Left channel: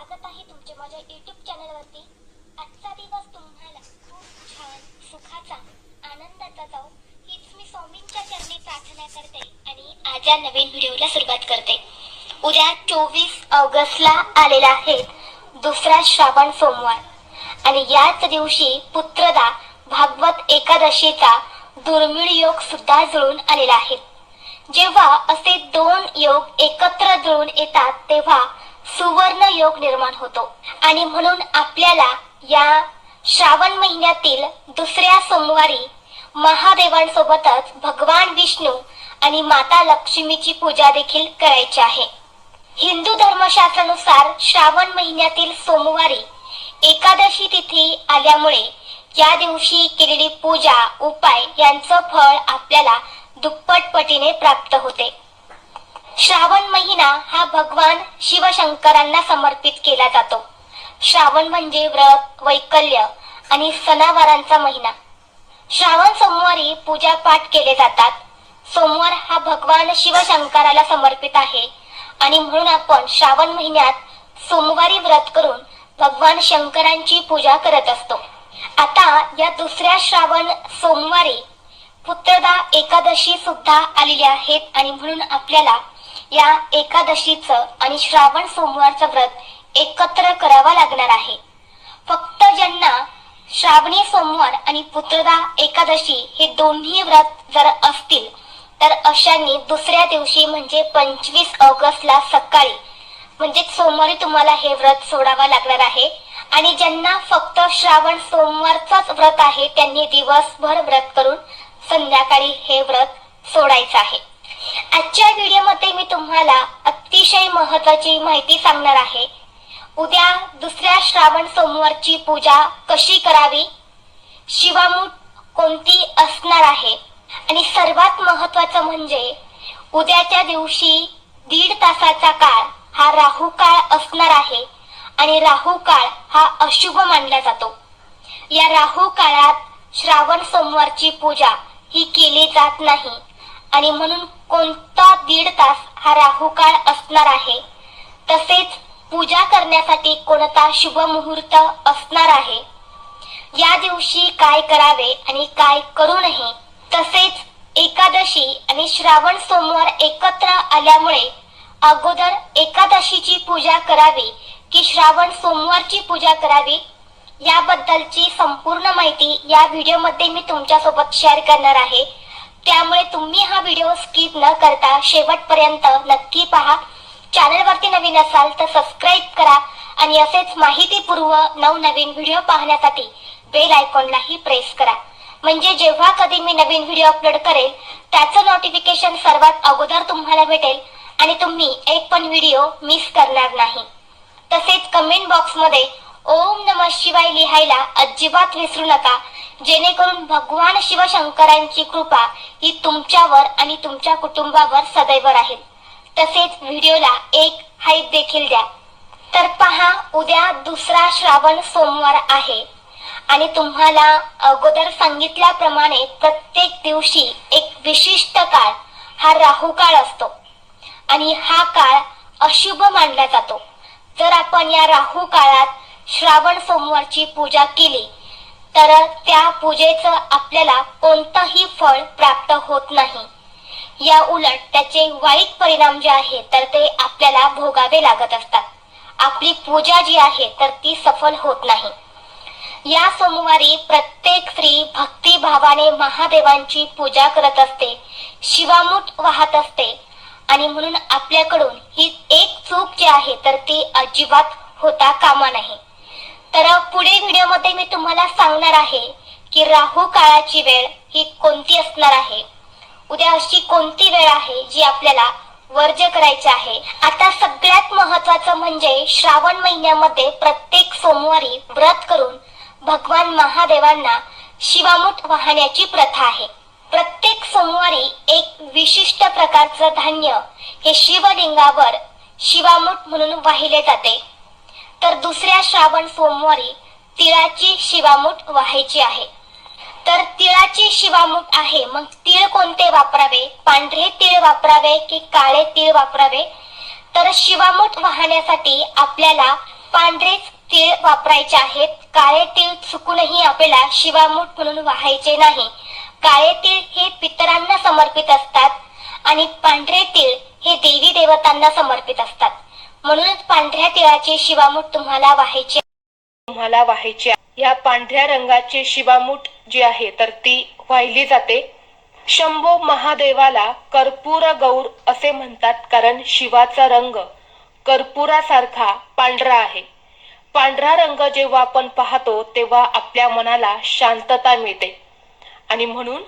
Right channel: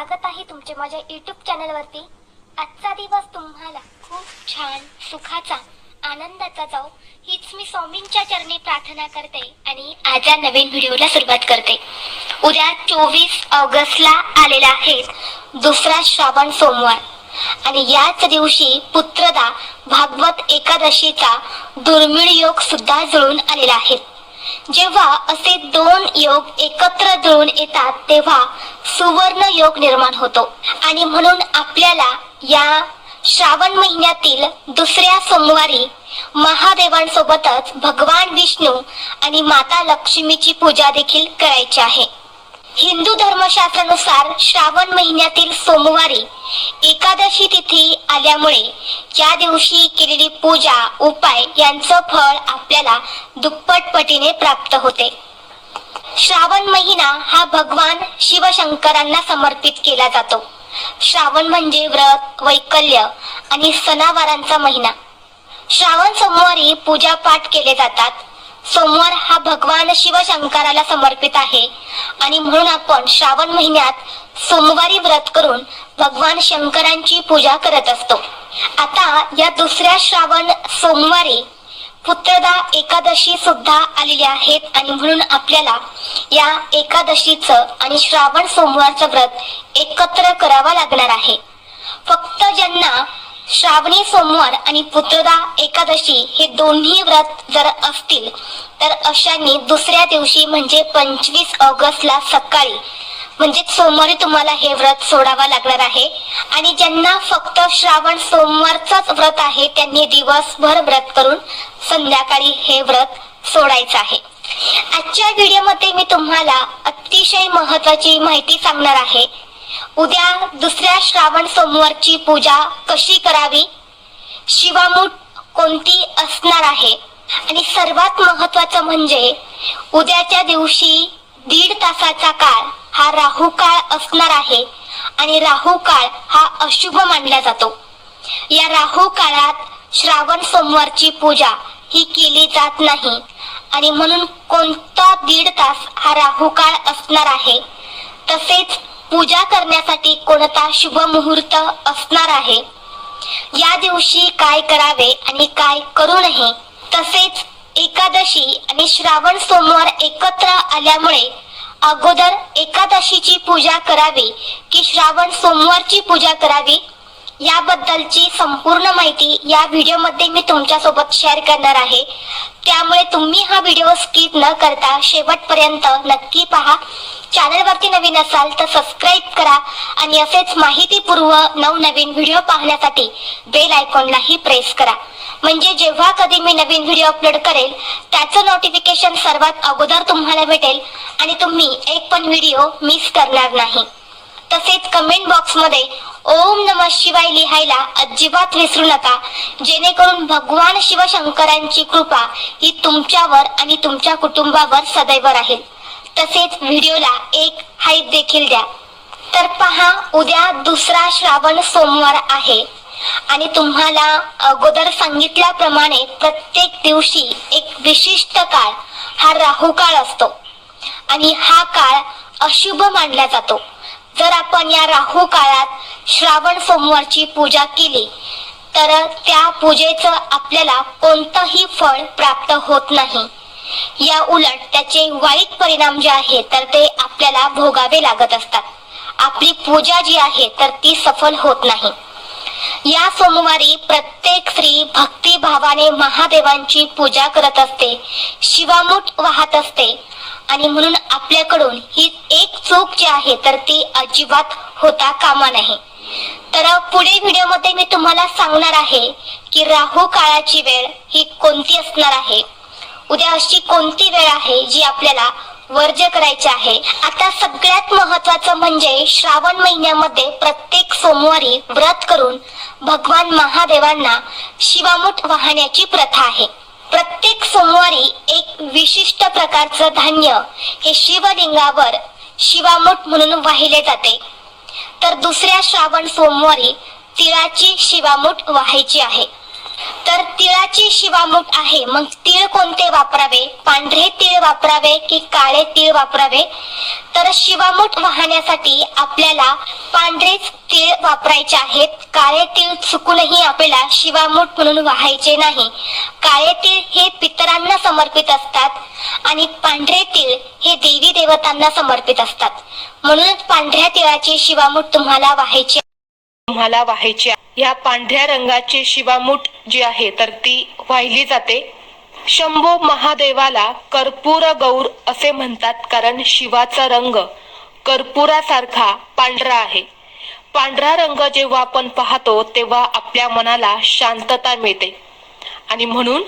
स्वागत आहे तुमचे माझ्या YouTube चॅनलवरती। आजचा दिवस तुम्हाला खूप छान सुखाचा आनंदाचा जाओ हीच मी स्वामींच्या चरणी प्रार्थना करते आणि आजच्या नवीन व्हिडिओला सुरुवात करते। उद्या 24 ऑगस्टला आलेला आहे दुसरा श्रावण सोमवार आणि याच दिवशी पुत्रदा भागवत एकादशीचा दुर्मिळ योग सुद्धा जुळून आलेला आहे। जेव्हा असे दोन योग एकत्र जुळून येतात तेव्हा सुवर्ण योग निर्माण होतो आणि म्हणून आपल्याला या श्रावण महिन्यातील दुसऱ्या सोमवारी महादेवांसोबतच भगवान विष्णू आणि माता लक्ष्मीची पूजा देखील करायची आहे। हिंदू धर्मशास्त्रानुसार श्रावण महिन्यातील सोमवारी एकादशी तिथी आल्यामुळे या दिवशी केलेली पूजा उपाय यांचं फळ आपल्याला दुप्पट पटीने प्राप्त होते। श्रावण महिना हा भगवान शिवशंकरांना समर्पित केला जातो। श्रावण म्हणजे व्रत वैकल्य आणि सणावारांचा महिना। श्रावण सोमवारी पूजा पाठ केले जातात। सोमवार हा भगवान शिवशंकराला समर्पित आहे आणि म्हणून आपण श्रावण महिन्यात सोमवारी व्रत करून भगवान शंकरांची पूजा करत असतो। आता या दुसऱ्या श्रावण सोमवारी पुत्रदा एकादशी सुद्धा आलेली आहेत आणि म्हणून आपल्याला या एकादशीचं आणि श्रावण सोमवारचं व्रत एकत्र करावा लागणार आहे। फक्त ज्यांना श्रावणी सोमवार आणि पुत्रदा एकादशी हे दोन्ही व्रत जर असतील तर अशांनी दुसऱ्या दिवशी म्हणजे 25 ऑगस्टला सकाळी म्हणजे सोमवारी तुम्हाला हे व्रत सोडावा लागणार आहे आणि ज्यांना फक्त श्रावण सोमवारचंच व्रत आहे त्यांनी दिवसभर व्रत करून संध्याकाळी हे व्रत सोडायचं आहे। आजच्या व्हिडिओमध्ये मी तुम्हाला अतिशय महत्त्वाची माहिती सांगणार आहे। उद्या दुसऱ्या श्रावण सोमवारची पूजा कशी करावी, शिवामूठ कोणती असणार आहे आणि सर्वात महत्त्वाचं म्हणजे उद्याच्या दिवशी 1.5 तासाचा काळ हा राहू काळ असणार आहे आणि राहू काळ हा अशुभ मानला जातो। या राहू काळात श्रावण सोमवारची पूजा ही केली जात नाही आणि म्हणून कोणता 1.5 तास हा राहू काळ असणार आहे। तसेच पूजा करण्यासाठी कोणता शुभ मुहूर्त असणार आहे, या दिवशी काय करावे आणि काय करू नये, तसेच एकादशी आणि श्रावण सोमवार एकत्र आल्यामुळे अगोदर एकादशीची पूजा करावी की श्रावण सोमवारची पूजा करावी याबद्दलची संपूर्ण माहिती या व्हिडिओमध्ये मी तुमच्यासोबत शेअर करणार आहे। त्यामुळे तुम्ही हा व्हिडिओ स्किप न करता शेवटपर्यंत नक्की पहा। चॅनलवरती नवीन असाल तर सबस्क्राईब करा आणि असेच माहितीपूर्व नवनवीन व्हिडिओ पाहण्यासाठी बेल आयकॉनलाही प्रेस करा, म्हणजे जेव्हा कधी मी नवीन व्हिडिओ अपलोड करेल त्याचं नोटिफिकेशन सर्वात अगोदर तुम्हाला भेटेल आणि तुम्ही एक पण व्हिडिओ मिस करणार नाही। तसेच कमेंट बॉक्समध्ये ओम नमः शिवाय लिहायला अजिबात विसरू नका, जेणेकरून भगवान शिवशंकरांची कृपा ही तुमच्यावर आणि तुमच्या कुटुंबावर सदैव राहील। तसेच व्हिडिओला एक हाईप देखील द्या। तर पहा, उद्या दुसरा श्रावण सोमवार आहे आणि तुम्हाला अगोदर सांगितल्याप्रमाणे प्रत्येक दिवशी एक विशिष्ट काळ हा राहू काळ असतो आणि हा काळ अशुभ मानला जातो। जर आपण या राहू काळात श्रावण सोमवारची पूजा केली तर त्या पूजेचं आपल्याला कोणतंही फळ प्राप्त होत नाही। या उलट त्याचे वाईट परिणाम जे आहेत तर ते आपल्याला भोगावे लागत असतात। आपली पूजा जी आहे तर ती सफल होत नाही। या सोमवारी प्रत्येक स्त्री भक्तिभावाने महादेवांची पूजा करत असते, शिवामूठ वाहत असते आणि म्हणून आपल्याकडून ही एक चूक जी आहे तर ती अजिबात होता कामा नये। तर पुढे व्हिडिओमध्ये मी तुम्हाला सांगणार आहे की राहू काळाची वेळ ही कोणती असणार आहे, उद्या अशी कोणती वेळ आहे जी आपल्याला वर्ज्य करायची आहे। आता सगळ्यात महत्त्वाचं म्हणजे श्रावण महिन्यामध्ये प्रत्येक सोमवारी व्रत करून भगवान महादेवांना शिवामूठ वाहण्याची प्रथा आहे। प्रत्येक सोमवारी एक विशिष्ट प्रकारचं धान्य हे शिवलिंगावर शिवामूठ म्हणून वाहिले जाते। तर दुसऱ्या श्रावण सोमवारी तिळाची शिवामूठ वाहायची आहे। तर तिळाची शिवामूठ आहे, मग तीळ कोणते वापरावे, पांढरे तीळ वापरावे की काळे तीळ वापरावे? तर शिवामूठ वाहण्यासाठी आपल्याला पांढरेच तीळ वापरायचे आहेत. काळे तीळ चुकूनही आपल्याला शिवामूठ म्हणून वाहायचे नाही. काळे तीळ हे पितरांना समर्पित असतात आणि पांढरे तीळ हे देवी देवतांना समर्पित असतात. म्हणूनच पांढऱ्या तिळाची शिवामूठ तुम्हाला वाहायची. या पांढऱ्या रंगाची शिवामूठ जी आहे तर ती वाहिली जाते. शंभो महादेवाला कर्पूर गौर असे म्हणतात, कारण शिवाचा रंग कर्पुरासारखा पांढरा आहे. पांढरा रंग जेव्हा आपण पाहतो तेव्हा आपल्या मनाला शांतता मिळते आणि म्हणून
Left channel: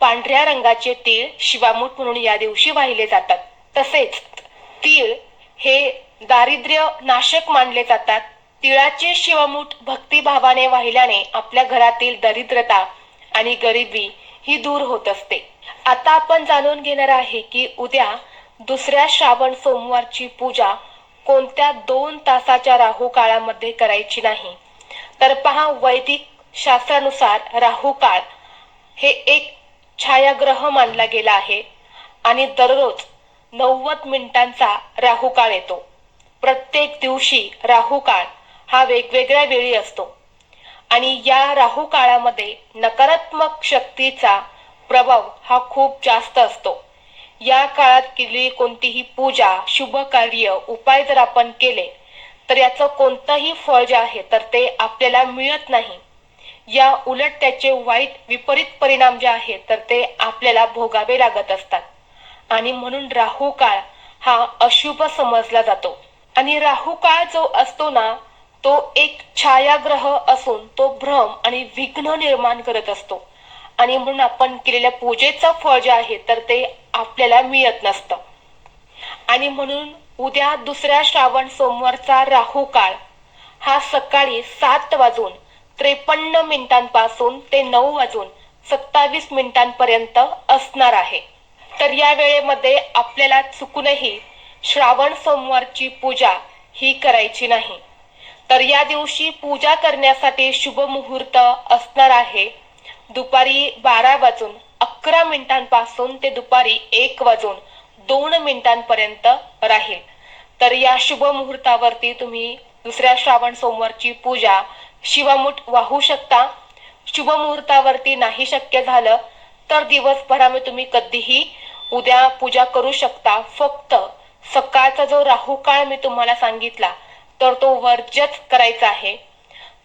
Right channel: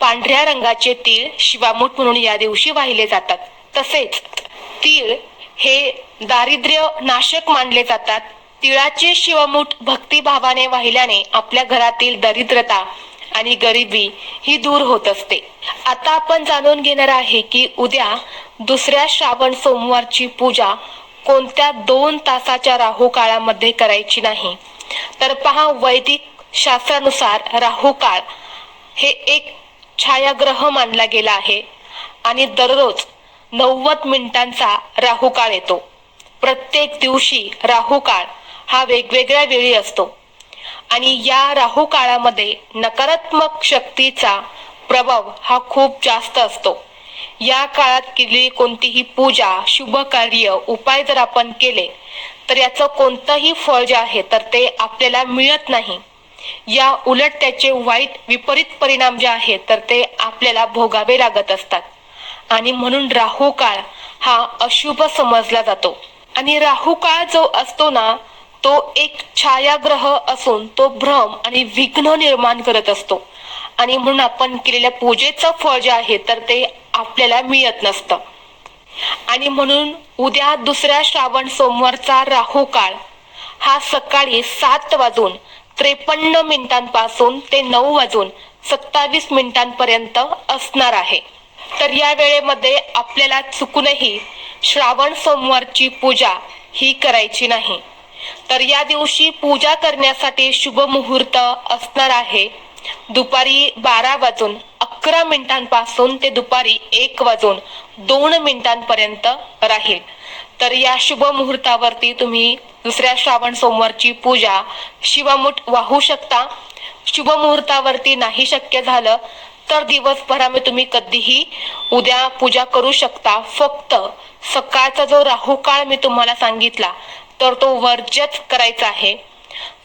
पांढऱ्या रंगाचे तीळ शिवामूठ म्हणून या दिवशी वाहिले जातात. तसेच तीळ हे दारिद्र्य नाशक मानले जातात. तिळाचे शिवमूठ भक्तिभावाने वाहिल्याने आपल्या घरातील दरिद्रता आणि गरिबी ही दूर होत असते. आता आपण जाणून घेणार आहे की उद्या दुसऱ्या श्रावण सोमवारची पूजा कोणत्या 2 तासाच्या राहू काळामध्ये करायची नाही. तर पहा, वैदिक शास्त्रानुसार राहू काळ हे एक छायाग्रह मानला गेला आहे आणि दररोज 90 मिनिटांचा राहू काळ येतो. प्रत्येक दिवशी राहू काळ हा वेगवेगळ्या वेळी असतो आणि या राहू काळामध्ये नकारात्मक शक्तीचा प्रभाव हा खूप जास्त असतो. या काळात केलेली कोणतीही पूजा, शुभ कार्य, उपाय जर आपण केले तर याचं कोणतंही फळ जे आहे तर ते आपल्याला मिळत नाही. या उलट त्याचे वाईट विपरीत परिणाम जे आहेत तर ते आपल्याला भोगावे लागत असतात आणि म्हणून राहू काळ हा अशुभ समजला जातो. आणि राहू काळ जो असतो ना तो एक छायाग्रह असून तो भ्रम आणि विघ्न निर्माण करत असतो आणि म्हणून आपण केलेल्या पूजेचं फळ जे आहे तर ते आपल्याला मिळत नसतं. आणि म्हणून उद्या दुसऱ्या श्रावण सोमवारचा राहू काळ हा सकाळी 7:53 ते 9:27 असणार आहे. तर या वेळेमध्ये आपल्याला चुकूनही श्रावण सोमवारची पूजा ही करायची नाही. तर या दिवशी पूजा करण्यासाठी शुभ मुहूर्त असणार आहे दुपारी 12:11 ते दुपारी 1:02 राहील. तर या शुभ मुहूर्तावरती तुम्ही दुसऱ्या श्रावण सोमवारची पूजा शिवामूठ वाहू शकता. शुभ मुहूर्तावरती नाही शक्य झालं तर दिवसभरामध्ये तुम्ही कधीही उद्या पूजा करू शकता. फक्त सकाळचा जो राहू काळ मी तुम्हाला सांगितला तर तो वर्जच करायचा आहे.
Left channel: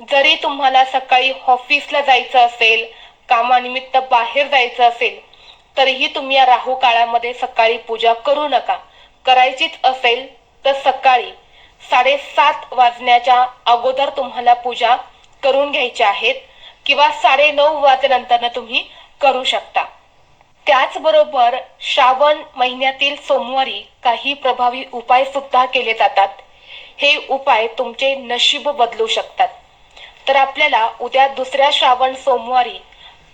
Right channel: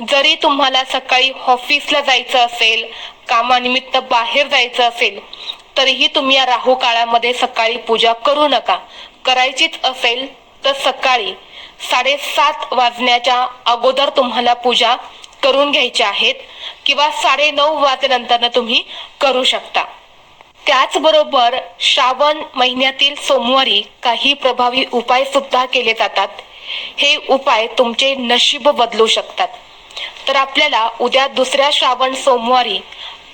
जरी तुम्हाला सकाळी ऑफिसला जायचं असेल, कामानिमित्त बाहेर जायचं असेल तरीही तुम्ही या राहू काळामध्ये सकाळी पूजा करू नका. करायचीच असेल तर सकाळी 7:30 वाजण्याच्या अगोदर तुम्हाला पूजा करून घ्यायची आहेत किंवा 9:30 वाजल्यानंतर तुम्ही करू शकता. त्याचबरोबर श्रावण महिन्यातील सोमवारी काही प्रभावी उपाय सुद्धा केले जातात. हे उपाय तुमचे नशीब बदलू शकतात. तर आपल्याला उद्या दुसऱ्या श्रावण सोमवारी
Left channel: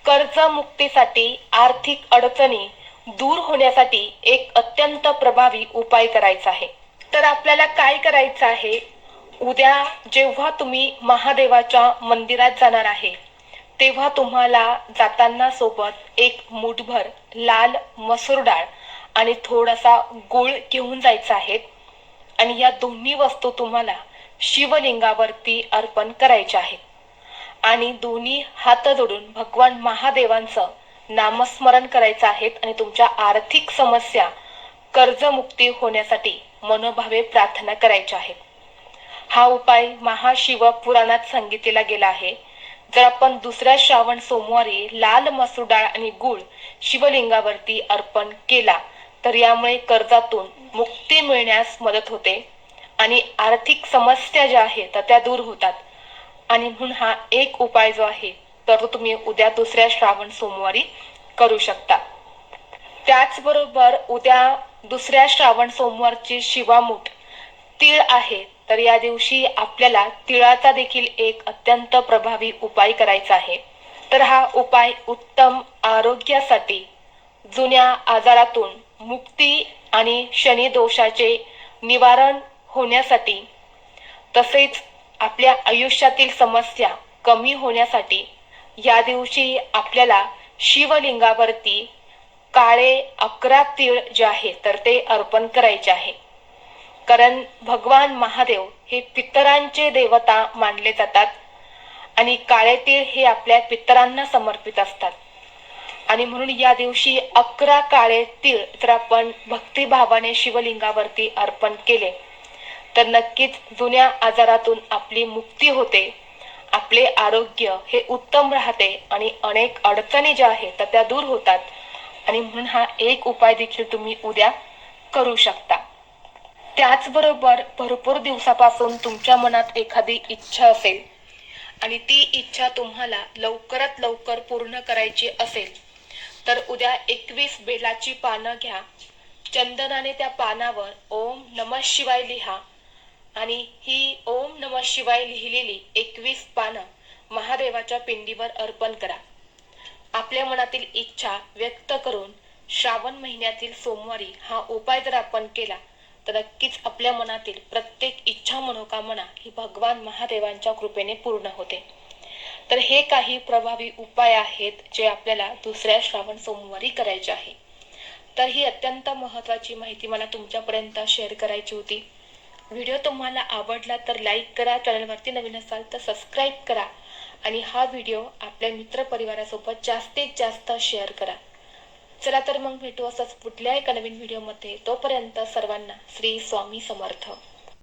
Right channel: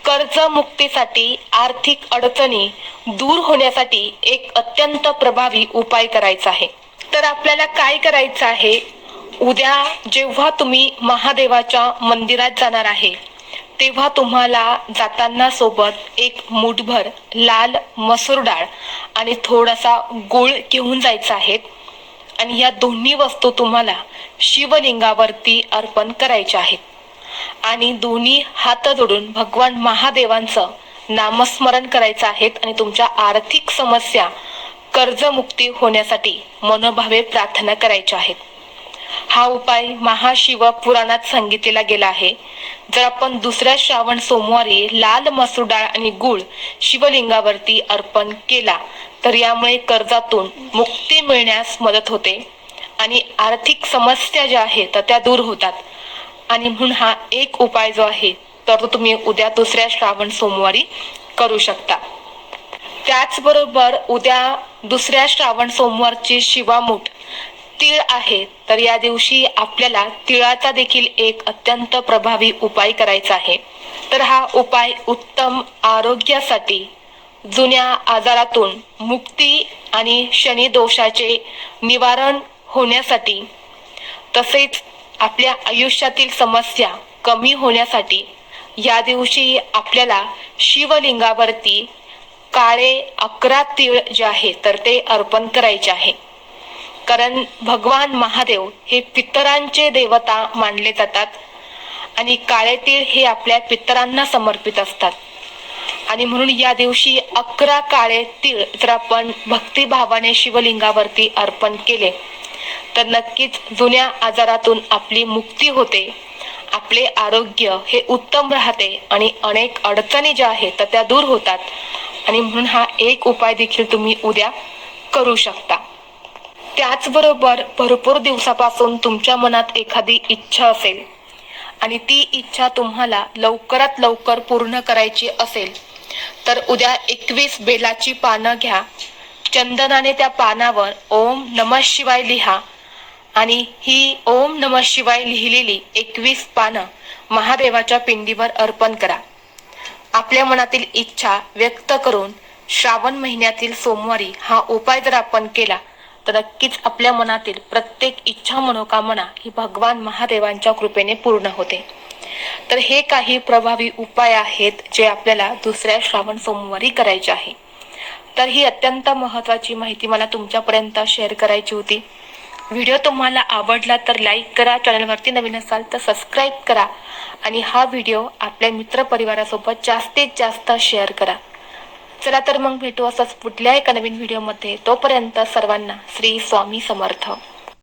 कर्जमुक्तीसाठी, आर्थिक अडचणी दूर होण्यासाठी एक अत्यंत प्रभावी उपाय करायचा आहे. तर आपल्याला काय करायचं आहे, उद्या जेव्हा तुम्ही महादेवाच्या मंदिरात जाणार आहे तेव्हा तुम्हाला जाताना सोबत एक मूठभर लाल मसूर डाळ आणि थोडासा गूळ घेऊन जायचा आहे आणि या दोन्ही वस्तू तुम्हाला शिवलिंगावरती अर्पण करायच्या आहेत आणि दोन्ही हात जोडून भगवान महादेवांचं नामस्मरण करायचं आहे आणि तुमच्या आर्थिक समस्या, कर्जमुक्ती होण्यासाठी मनोभावे प्रार्थना करायच्या आहेत. हा उपाय महाशिव पुराणात सांगितलेला गेला आहे. जर आपण दुसऱ्या श्रावण सोमवारी लाल मसूर डाळ आणि गूळ शिवलिंगावरती अर्पण केला तर यामुळे कर्जातून मुक्ती मिळण्यास मदत होते आणि आर्थिक समस्या ज्या आहेत तर त्या दूर होतात. आणि म्हणून हा एक उपाय जो आहे तर तो तुम्ही उद्या दुसऱ्या श्रावण सोमवारी करू शकता. त्याचबरोबर उद्या दुसऱ्या श्रावण सोमवारची शिवामूठ तीळ आहे. तर या दिवशी आपल्याला तिळाचा देखील एक अत्यंत प्रभावी उपाय करायचा आहे. तर हा उपाय उत्तम आरोग्यासाठी, जुन्या आजारातून मुक्ती आणि शनी दोषाचे निवारण होण्यासाठी, तसेच आपल्या आयुष्यातील समस्या कमी होण्यासाठी या दिवशी आपल्याला शिवलिंगावरती काळे 11 तीळ जे आहे तर ते अर्पण करायचे आहे. कारण भगवान महादेव हे पितरांचे देवता मानले जातात आणि काळे तीळ हे आपल्या पितरांना समर्पित असतात. आणि म्हणून या दिवशी 11 काळे तीळ जर आपण भक्तिभावाने शिवलिंगावरती अर्पण केले तर नक्कीच जुन्या आजारातून आपली मुक्ती होते, आपले आरोग्य हे उत्तम राहते आणि अनेक अडचणी ज्या आहेत तर त्या दूर होतात. आणि म्हणून हा एक उपाय देखील तुम्ही उद्या करू शकता. त्याचबरोबर भरपूर दिवसापासून तुमच्या मनात एखादी इच्छा असेल आणि ती इच्छा तुम्हाला लवकरात लवकर पूर्ण करायची असेल तर उद्या 21 बेलाची पानं घ्या, चंदनाने त्या पानावर ओम नमः शिवाय लिहा आणि ही ओम नमः शिवाय लिहिलेली 21 पानं महादेवाच्या पिंडीवर अर्पण करा. आपल्या मनातील इच्छा व्यक्त करून श्रावण महिन्यातील सोमवारी हा उपाय जर आपण केला तर नक्कीच आपल्या मनातील प्रत्येक इच्छा मनोकामना ही भगवान महादेवांच्या कृपेने पूर्ण होते. तर हे काही प्रभावी उपाय आहेत जे आपल्याला दुसऱ्या श्रावण सोमवारी करायचे आहे. तर ही अत्यंत महत्त्वाची माहिती मला तुमच्यापर्यंत शेअर करायची होती. व्हिडिओ तुम्हाला आवडला तर लाईक करा, चॅनलवरती नवीन असाल तर सबस्क्राईब करा आणि हा व्हिडिओ आपल्या मित्रपरिवारासोबत जास्तीत जास्त शेअर करा. चला तर मग भेटू असंच पुढल्या एका नवीन व्हिडिओमध्ये. तोपर्यंत सर्वांना श्री स्वामी समर्थ.